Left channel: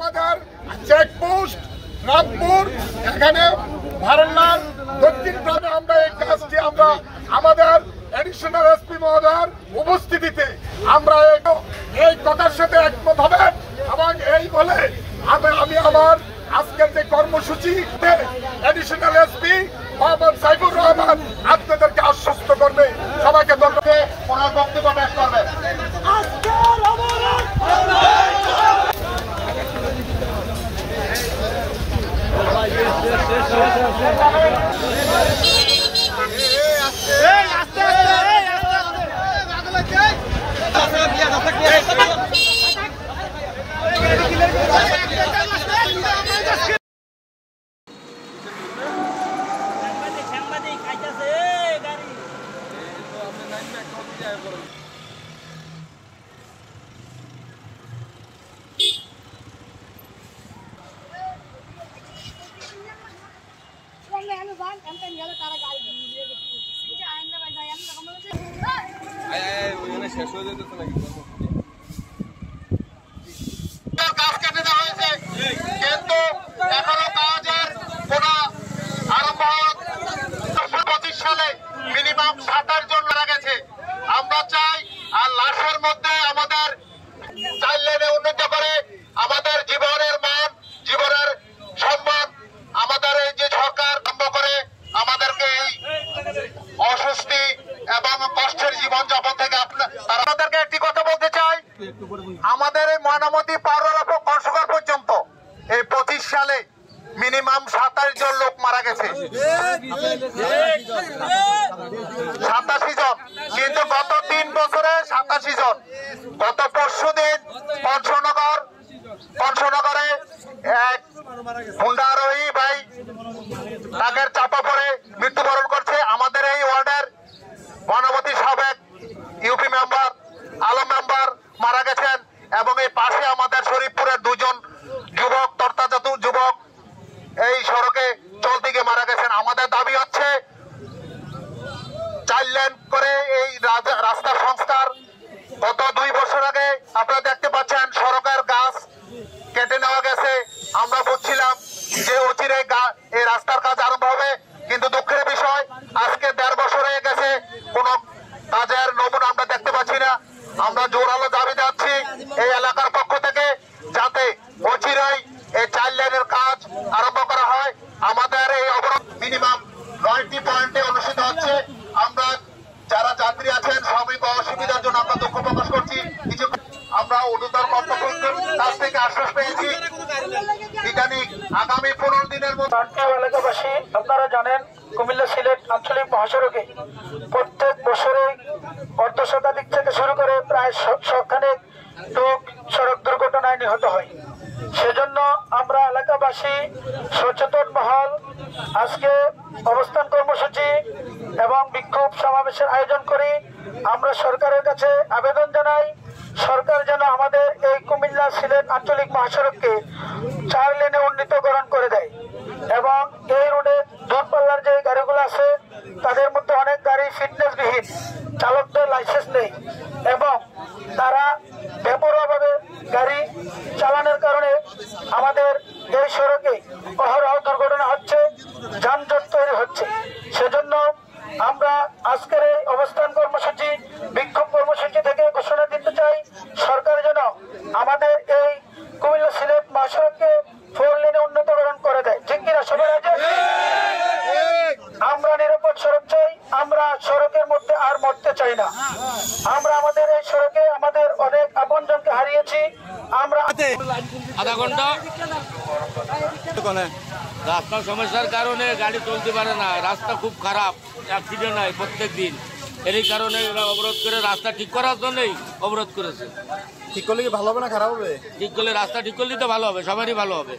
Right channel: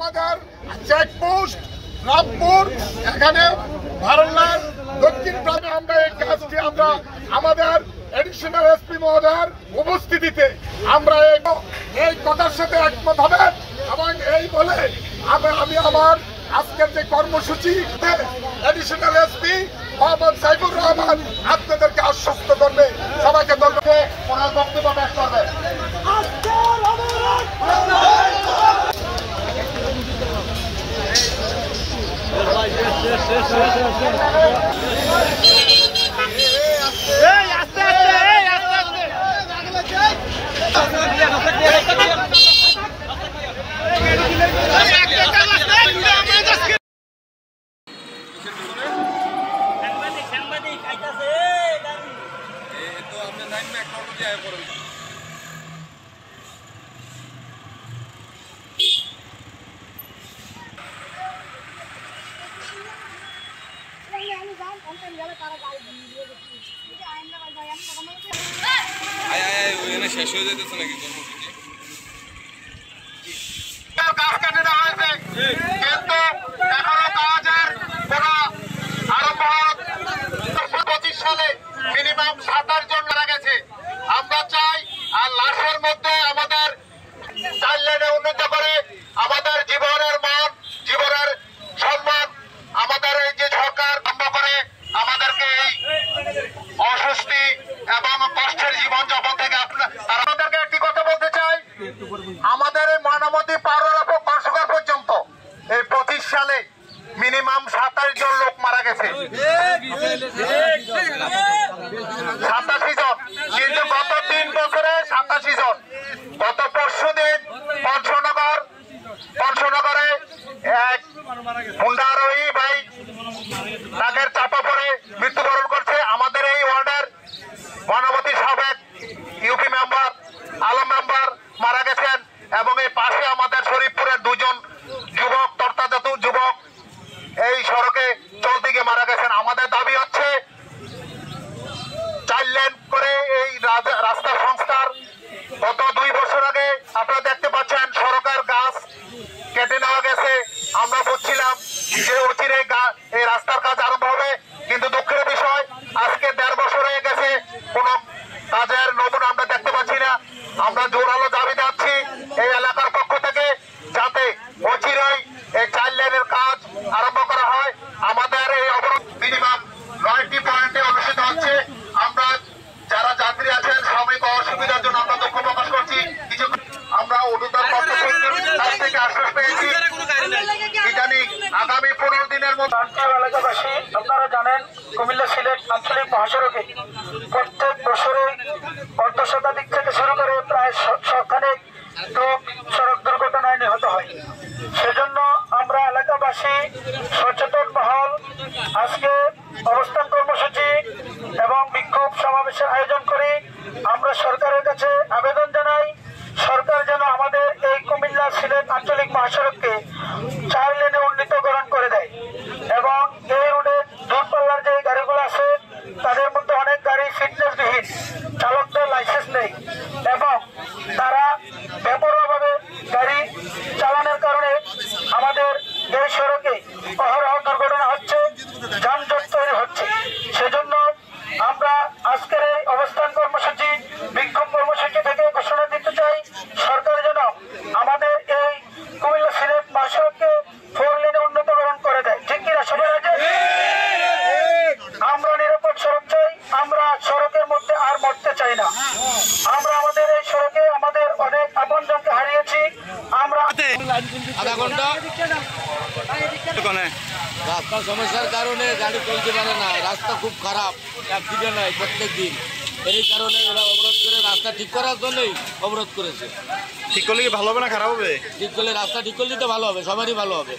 আমাদের চেকপোস্ট রামপুর এখানে ভারলার দক্ষিণ গ্রামে আমরা এই কাজটি আমরা আমাদের এডিশনাল এসপি মহোদয়ের উপস্থিতিতে আমরা এই কথার সাথে একমত হবেন এবং এই বলে আমি আমার আজকের যে কর্মসূচি এডিশনাল এসপি মোহাম্মদ সাইফুর রহমান আপনাদেরকে আশ্বস্ত করবে। সবাইকে ধন্যবাদ। ওনার বক্তব্য পেশ করবেন। শেষ হয়ে যেতেছে নাকি কাজ কেটে দেওয়া হয়েছে কিন্তু এখনো কাজের কোন আরম্ভ 25 সালে মিনিমাম 27 জন মারা গেছে। আমরা চাই আর লাশের মধ্যে আমাদের 4 লেনে উন্নীত করে আমাদের জীবনের মান জীবনের সম্মান আমাদের এই যে সরকার বন্ধ করে আমাদেরকে এই অস্বস্তি এবং কষ্টের জীবনযাপন থেকে আমাদেরকে একটি কথা বলতে চাই, আমাদের এই ময়নামতি পার্শ্বঘর পর্যন্ত এই 25 সালে মিনিমাম 27 জন লোক মারা গেছে, 87 জন, কিন্তু গত 3 বছরে 87 জন। গত পরশুদিন পঞ্চনগরে এক হুন্ডা আরোহী ভাই তাদের চাপা পড়ে মৃত্যুবরণ করছে। আমাদের এই ওয়ার্ডের ময়নামতি সাবেক ইউপি মেম্বার আলম মেম্বার মারা গেছেন এবং এই পাশে আমাদের শরীফপুরের 2 জন যুবক তর্তাজাত যুবক এই সড়কে চলতে গিয়ে মারা গেছেন। আমাদের দাবি হচ্ছে 4 লেন করে এই রাস্তার সংস্কার। গত 2 বছর আগে আপনারা দেখতে পাচ্ছেন সড়কের গাছ কেটে নেওয়া গেছে। আমরা বুঝছিলাম যে অচিরে এই রাস্তার কাজ আরম্ভ হবে, কিন্তু দুঃখের বিষয় আজকে 1.5 বছর হয়ে গেছে কোনো কাজের নমুনা আমরা দেখতে পাচ্ছি না। আমরা জোরালো দাবি যাচ্ছি এই এলাকার পক্ষ থেকে যাতে অচিরেই এই 4 লেনের কাজ আরম্ভ করা হয়। আমাদের এই অবরোধ মিনিমাম 9টি পয়েন্টে অনুষ্ঠিত হচ্ছে। আমরা যারা যাত্রী আছেন শ্রমিক অসুবিধার জন্য আমরা দুঃখ প্রকাশ করছি। কিছু আমরা ঊর্ধ্বতন কর্তৃপক্ষের থেকে আশ্বাস পেয়েছি বিজ্ঞানিক আগামী 15 দিনের মধ্যে। এলাকাবাসী আপনারা জানেন কুমিল্লা সিলেট আঞ্চলিক মহাসড়কে প্রত্যেক বছরে অর্ধশতাধিক থেকে শুরু করে প্রায় 100খানেক লোক সড়ক দুর্ঘটনায় নিহত হয়। সেজন্য আমরা এলাকাবাসী সচেতন মহল আজকে অবস্থান কর্মসূচি এবং বিক্ষোভ সমাবেশের আয়োজন করি। আমরা সরকারের কাছে আবেদন জানাই সরকার যেন আমাদের এই কুমিল্লা সিলেট আঞ্চলিক মহাসড়ককে 4 লেনে উন্নীতকরণ করে দেয় এবং এই রোডে দূরপাল্লার যে গাড়িগুলো আছে তাদের মধ্যে অনেক গাড়ি ফিটনেসবিহীন, চালকদের লাইসেন্স নেই এবং তারা বেপরোয়াভাবে গাড়ি চালানোর কারণে আমাদের এই সড়কে অহরহ দুর্ঘটনা হচ্ছে, যানজট তৈরি হচ্ছে। সেজন্য আমরা আজকের এই অবস্থান কর্মসূচি বিক্ষোভ কর্মসূচি থেকে ঘোষণা দিতে চাই সরকার যেন আমাদের এই কুমিল্লা সিলেট মহাসড়ককে 4 লেনে উন্নীতকরণ করে দেয়। ঠিক কিনা সবাই আছে? আমরা নিরাপদ সড়ক চাই, আমরা সড়কের মধ্যে আর মরতে চাই না। আমরা আমাদের এই সড়কে আমাদের অনেক আপনজনকে হারিয়েছি। আমরা আধা ঘন্টা রাস্তার সমস্যার কারণে গাড়ি চলতে পারে না, রাস্তা খুব খারাপ, অ্যাক্সিডেন্ট হয় প্রত্যেক দিন। এই কারণে এরা অবরোধ করে রাস্তা ঠিক করার জন্যই অবরোধ করেছে। ঠিক করলে কি ভালো হবে না খারাপ হবে? ঠিক করলে রাস্তা ঠিক করলে তো ভালো হবে, সবারই ভালো হবে।